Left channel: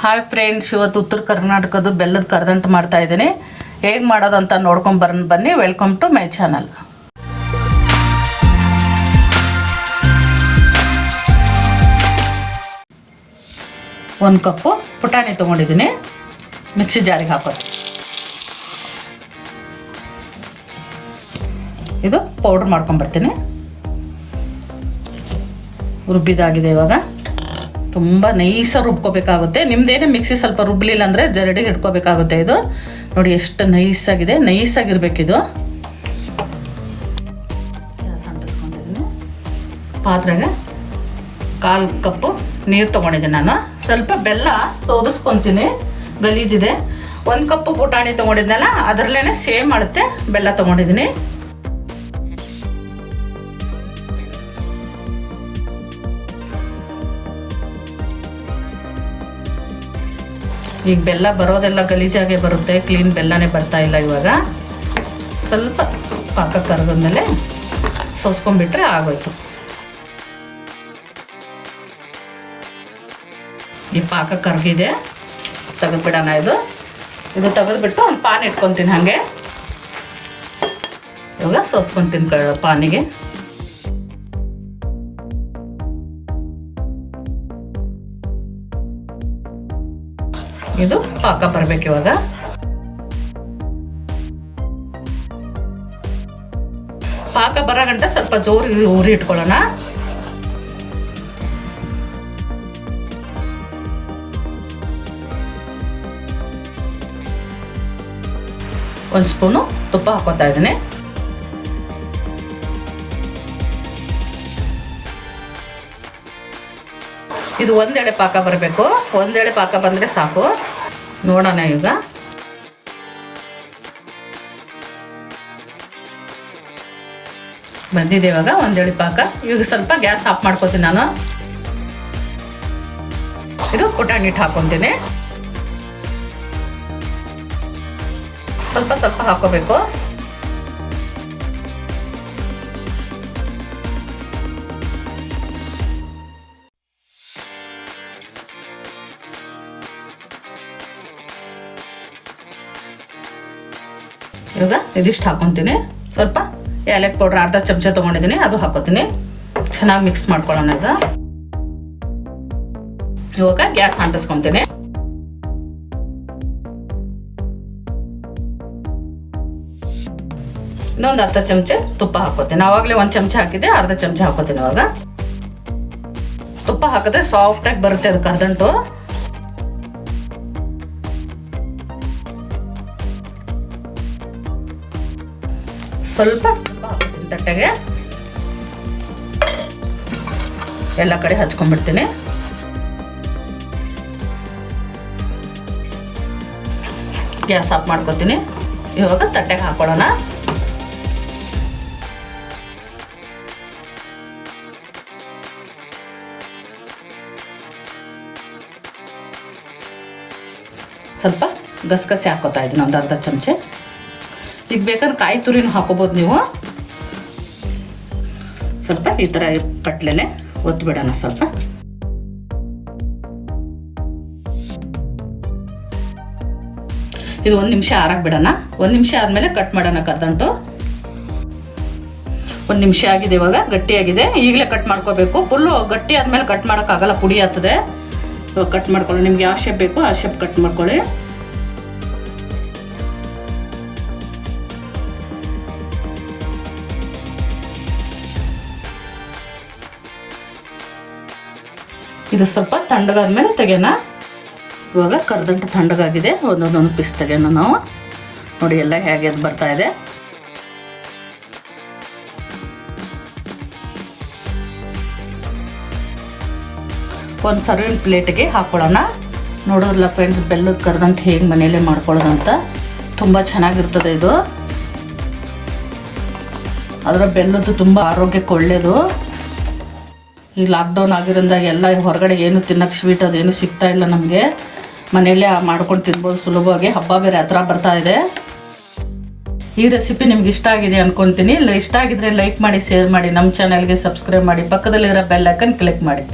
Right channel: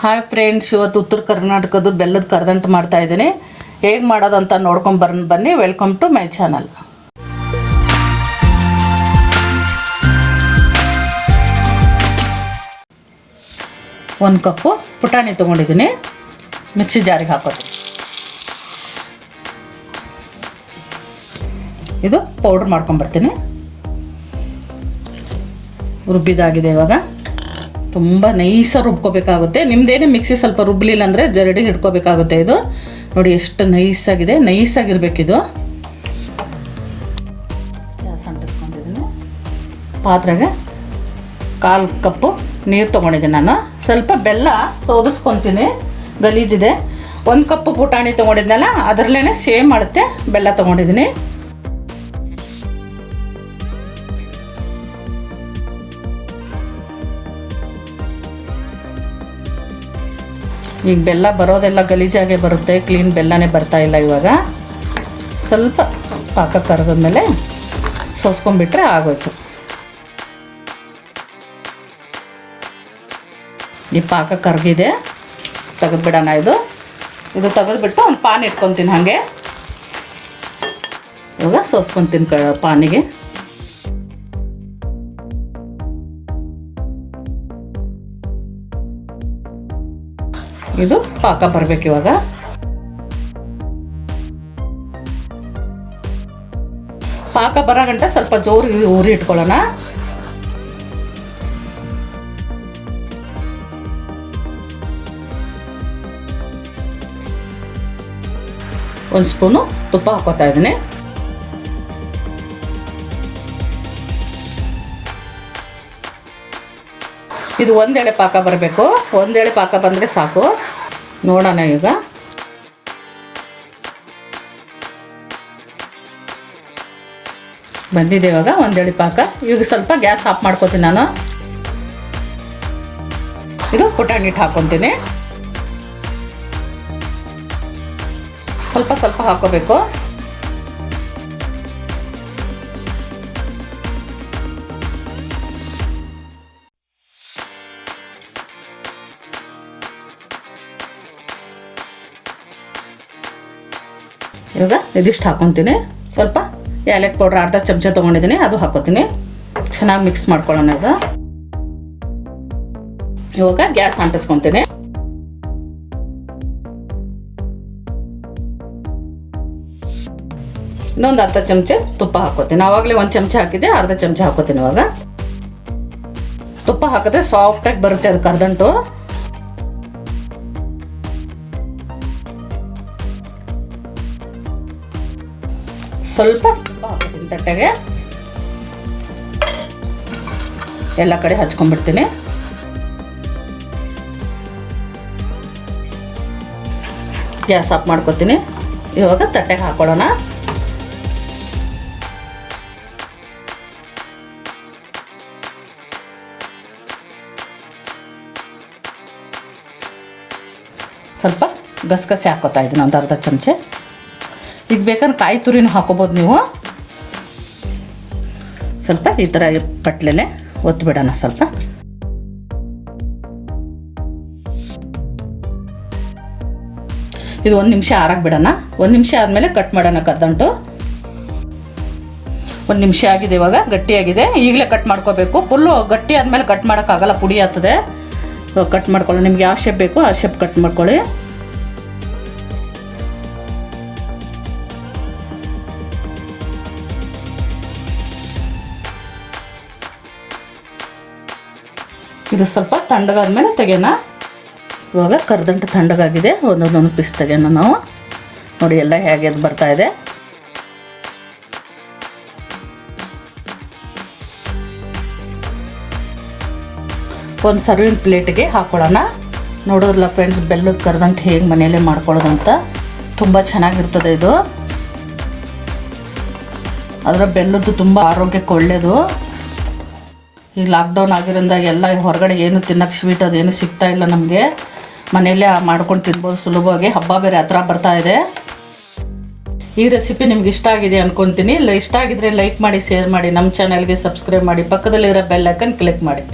Hi friends, ಇವತ್ತು ಉತ್ತರ ಕರ್ನಾಟಕದ ಬೆಲ್ಲದ ಕರದಂಟು ಮಾಡ್ತಾ ಇದ್ದೀನಿ. ಹೇಗೆ ಮಾಡೋದು ಅಂತ ನೋಡ್ಕೊಂಡು ಬನ್ನಿ. Welcome to my channel. ಒಂದು ಕಪ್ಪು ಪುಟಾಣಿ ತೊಗೊಂಡಿದ್ದೀನಿ. ಮಿಕ್ಸಿ ಜಾರಿಗೆ ಹಾಕೋದು. ಇದು ಪೌಡ್ರ್ ಮಾಡ್ಕೊಂಬರ್ತೀನಿ. ರುಬ್ಬಿದಾಗಿದೆ. ಇವಾಗ ತುಂಬ ನೈಸಾಗಿ ರುಬ್ಕೋಬೇಕಾಗುತ್ತೆ. ನಿಮ್ಮದೇನೇ ಮಿಕ್ಸಿ ಸ್ವಲ್ಪ ರುಬ್ಬಲಿಲ್ಲ ಅಂದರೆ ಜರಡಿ ಹಿಡ್ಕೋಬೇಕಾಗುತ್ತೆ. ಇದು ನೋಡಿ ಎಷ್ಟು ನೈಸಾಗಿದೆ. ನೈಸಾಗಿರ್ಬೇಕಿದು. ಗ್ಯಾಸ್ ಅಂಟಿಸ್ಕೊಂಡಿದ್ದೀನಿ. ಪಾತ್ರೆಗೆ 1/4 ಕಪ್ಪು ನೀರು ತೊಗೊಂಡಿದ್ದೀನಿ. ನಾನು ಸ್ವಲ್ಪ ಬೆಲ್ಲ ಸೋದಿಸ್ಕೊತೀನಿ, ಗಲೀಜಿದೆ. 1 ಕಪ್ಪು ಪುಟಾಣಿ ತೊಗೊಂಡಿದ್ದಲ್ಲ, ಅದರಲ್ಲೇ ಸೇಮ್ ಮಾಡುತ್ತೆ ಬೆಲ್ಲ ತೊಗೊಂಡಿದ್ದೀನಿ. ಈಗ ಬೆಲ್ಲ ಬರೋದೆಲ್ಲ ಗಲೀಜಾಗೆ ಬರುತ್ತೆ, ಕ್ಲೀನ್ ಬೆಲ್ಲನೇ ಬರ್ತಾ ಇಲ್ಲ. ಇವಾಗ ಸ್ವಲ್ಪ ಪಾಕ ಕರದ್ಮೇಲೆ ಸೋಸ್ಕೊಂಡ್ಬಿಟ್ರೆ ಆಗೋಯ್ತು. ಈ ಪಾಕ ಕರಗಿದೆ, ತೆಗೆದ್ಬಿಡೋಣ. ಇದು ತೆಗೆದ್ಬಿಟ್ಟು ಒಂದು ಪಾನ್ ಇಟ್ಕೊತೀನಿ. ಹಾಗೆ ಇವಾಗ ಸೋಸ್ಕೊತೀನಿ ಪಾನಿಗೆ. ಇದು ಪಾಕ ಬರಬೇಕು. ಇವಾಗ ಪಾಕ ಬರೋ ಗಂಟ ಸ್ವಲ್ಪ ಜೋರು ಉರಿ ಇಟ್ಕೊಳ್ಳೋಣ. ಒಂದು ಸ್ಪೂನು ತುಪ್ಪ ಹಾಕೋತಾ ಇದ್ದೀನಿ. ಇದು ಒಂದೆಳೆ ಪಾಕ ಬರಬೇಕು. ಒಂದೆಳೆ ಪಾಕ ಬಂದರೆ ಸಾಕು. ನೋಡೋಣ. ಈಗ ಬಂದಿದೆ. ಇವಾಗ ಒಂದೆಳೆ ಪಾಕ. ಈಗ ಸ್ವಲ್ಪ ಗ್ಯಾಸ್ ಆಫ್ ಮಾಡ್ಕೊತೀನಿ ನಾನು. ಇದು ಪುಟಾಣಿ ಹಿಟ್ಟು ಹಾಕ್ಕೊತೀನಿ. ಸ್ವಲ್ಪ ಸ್ವಲ್ಪ ಹಾಕೋಬೇಕು. ಇವಾಗ ಇದಿಷ್ಟು ಹಾಕೊತೀನಿ. ಸ್ವಲ್ಪ ಏಲಕ್ಕಿ ಪೌಡ್ರ್ ಅರ್ಧ ಚಮಚ ತೊಗೊಂಡಿದ್ದೀನಿ, ಅದು ಹಾಕೋತೀನಿ. ಚೆನ್ನಾಗಿ ಮಿಕ್ಸ್ ಮಾಡ್ಕೊಳ್ಳೋಣ. ಇವಾಗ ಗ್ಯಾಸ್ ಅಂಟಿಸ್ಕೊತೀನಿ. ಇನ್ನೊಂದು ಅರ್ಧ ಚಮಚ ತುಪ್ಪ ಹಾಕೋತೀನಿ. ಆವಾಗಲೇ 1 ಚಮಚ ಹಾಕಿದ್ದೆ, ಅರ್ಧ ಚಮಚ ಹಾಕೋತೀನಿ. ಇವಾಗ ತುಪ್ಪ ಹಾಕಿದ್ರೆ ಸಾಫ್ಟಾಗಿ ಬರುತ್ತೆ ಅದು ಕರದಂಟು. ಸ್ವಲ್ಪ ತುಪ್ಪ ಹಾಕೋತೀನಿ ತಟ್ಟೆಗೆ. ಎಲ್ಲ ಕಡೆ ಹಚ್ಕೊಂಡ್ಬಿಡ್ತೀನಿ. ಗ್ಯಾಸ್ ಆಫ್ ಮಾಡ್ಕೊತೀನಿ. ಇವಾಗ ತಟ್ಟೆಗೆ ಹಾಕೊಳ್ಳೋಣ. ಸ್ವಲ್ಪ ಗಸಗಸೆ ಹಾಕೋತಾ ಇದ್ದೀನಿ, ಒಂದು ಅರ್ಧ ಚಮಚ. ಈಗ ಬೇಕಾದ್ರೆ ಕಾಯಿ ತುರಿನೂ ಹಾಕೋಬೋದು ನೀವು. ಸ್ವಲ್ಪ ಈ ಥರ ಪಟ್ಲೆನೆ ಒತ್ಬಿಡೋಣ. ಸ್ವಲ್ಪ ಇದು 1 ನಿಮಿಷ ಆರಕ್ಕೆ ಬಿಡೋಣ. 1 ನಿಮಿಷ ಆದಮೇಲೆ ಕಟ್ ಮಾಡೋಣ ಕರದಂಟು. 1 ನಿಮಿಷ ಆಗಿದೆ. ಇವಾಗ ಗಟ್ಟಿಯಾಗಿದೆ. ಈಗಲೇ ಕಟ್ ಮಾಡ್ಕೋಬೇಕು. ಫುಲ್ಲು ಗಟ್ಟಿ ಆದಮೇಲೆ ಕಟ್ ಮಾಡೋಕ್ಕಾಗಲ್ಲ, ಪುಡಿ ಆಗ್ತದೆ. ಇವಾಗ ಕಟ್ ಮಾಡ್ಕೊಳ್ಳಿ. ನಿಮ್ಗೆ ಯಾವ ಶೇಪ್ ಬೇಕು ಆ ಶೇಪ್ ಕಟ್ ಮಾಡ್ಕೊಳ್ಳಿ. ಇದು ಸ್ವಲ್ಪ ತಣ್ಣಗಾದ್ಮೇಲೆ ತೆಗೆಯೋಣ. ಇವಾಗ ಕರದಂಟು ತಣ್ಣಗಾಗಿದೆ. ಒಂದೊಂದೊಂದು ಪೀಸ್ ತೆಗೆಯೋಣ ನಾವು. ನೋಡಿ ಎಲ್ಲ ಹೇಗೆ ಬರ್ತಾ ಇದೆ. ಒಂದು ಸರ್ವಿಂಗ್ ಪ್ಲೇಟ್ಗೆ ಹಾಕೊಳ್ಳೋಣ. ನೋಡೋಲ್ಲ ಫ್ರೆಂಡ್ಸ್, ಬೆಲ್ಲದ ಕರದಂಟು ಹೇಗೆ ಮನೆಯಲ್ಲೇ ಮಾಡ್ಕೊಳ್ಳೋದು ಅಂತ. ತುಂಬ ಚೆನ್ನಾಗಿರ್ತದೆ ಇದು. ಅದರ ಬೆಲ್ಲದ್ದು ತುಂಬ ಆರೋಗ್ಯಕ್ಕೆ ಒಳ್ಳೆಯದು. ಈ ಲಾಕ್ಡೌನ್ ಆಗಿರೋದ್ರಿಂದ ಎಲ್ಲ ಹೊರಗಡೆ ಏನು ತಿನ್ನೋಕ್ಕೆ ಸ್ವೀಟ್ ಅದೇನು ಸಿಗ್ತಾ ಇಲ್ಲ ನಮಗೆ. ಮನೆಯಲ್ಲೇ ಮಾಡ್ಕೊಂಡು ತಿನ್ಬೋದು ಸುಲಭವಾಗಿ. ಹಬ್ಬ ಬೇರೆ ಹತ್ರ ಬರ್ತಾ ಇದೆ. ಈ ರೆಸಿಪಿ ನಿಮ್ಗೆ ಇಷ್ಟ ಆಗಿದೆ ಅಂದ್ಕೊತೀನಿ. ಇಷ್ಟ ಆಗಿದ್ರೆ ಲೈಕ್ ಮಾಡಿ, ಶೇರ್ ಮಾಡಿ, ನಮ್ಮ ಚಾನಲ್ಗೆ ಸಬ್ಸ್ಕ್ರೈಬ್ ಮಾಡಿ, ಪಕ್ಕದಲ್ಲಿರೋ ಬೆಲ್ ಐಕನ್ ಕ್ಲಿಕ್ ಮಾಡಿ.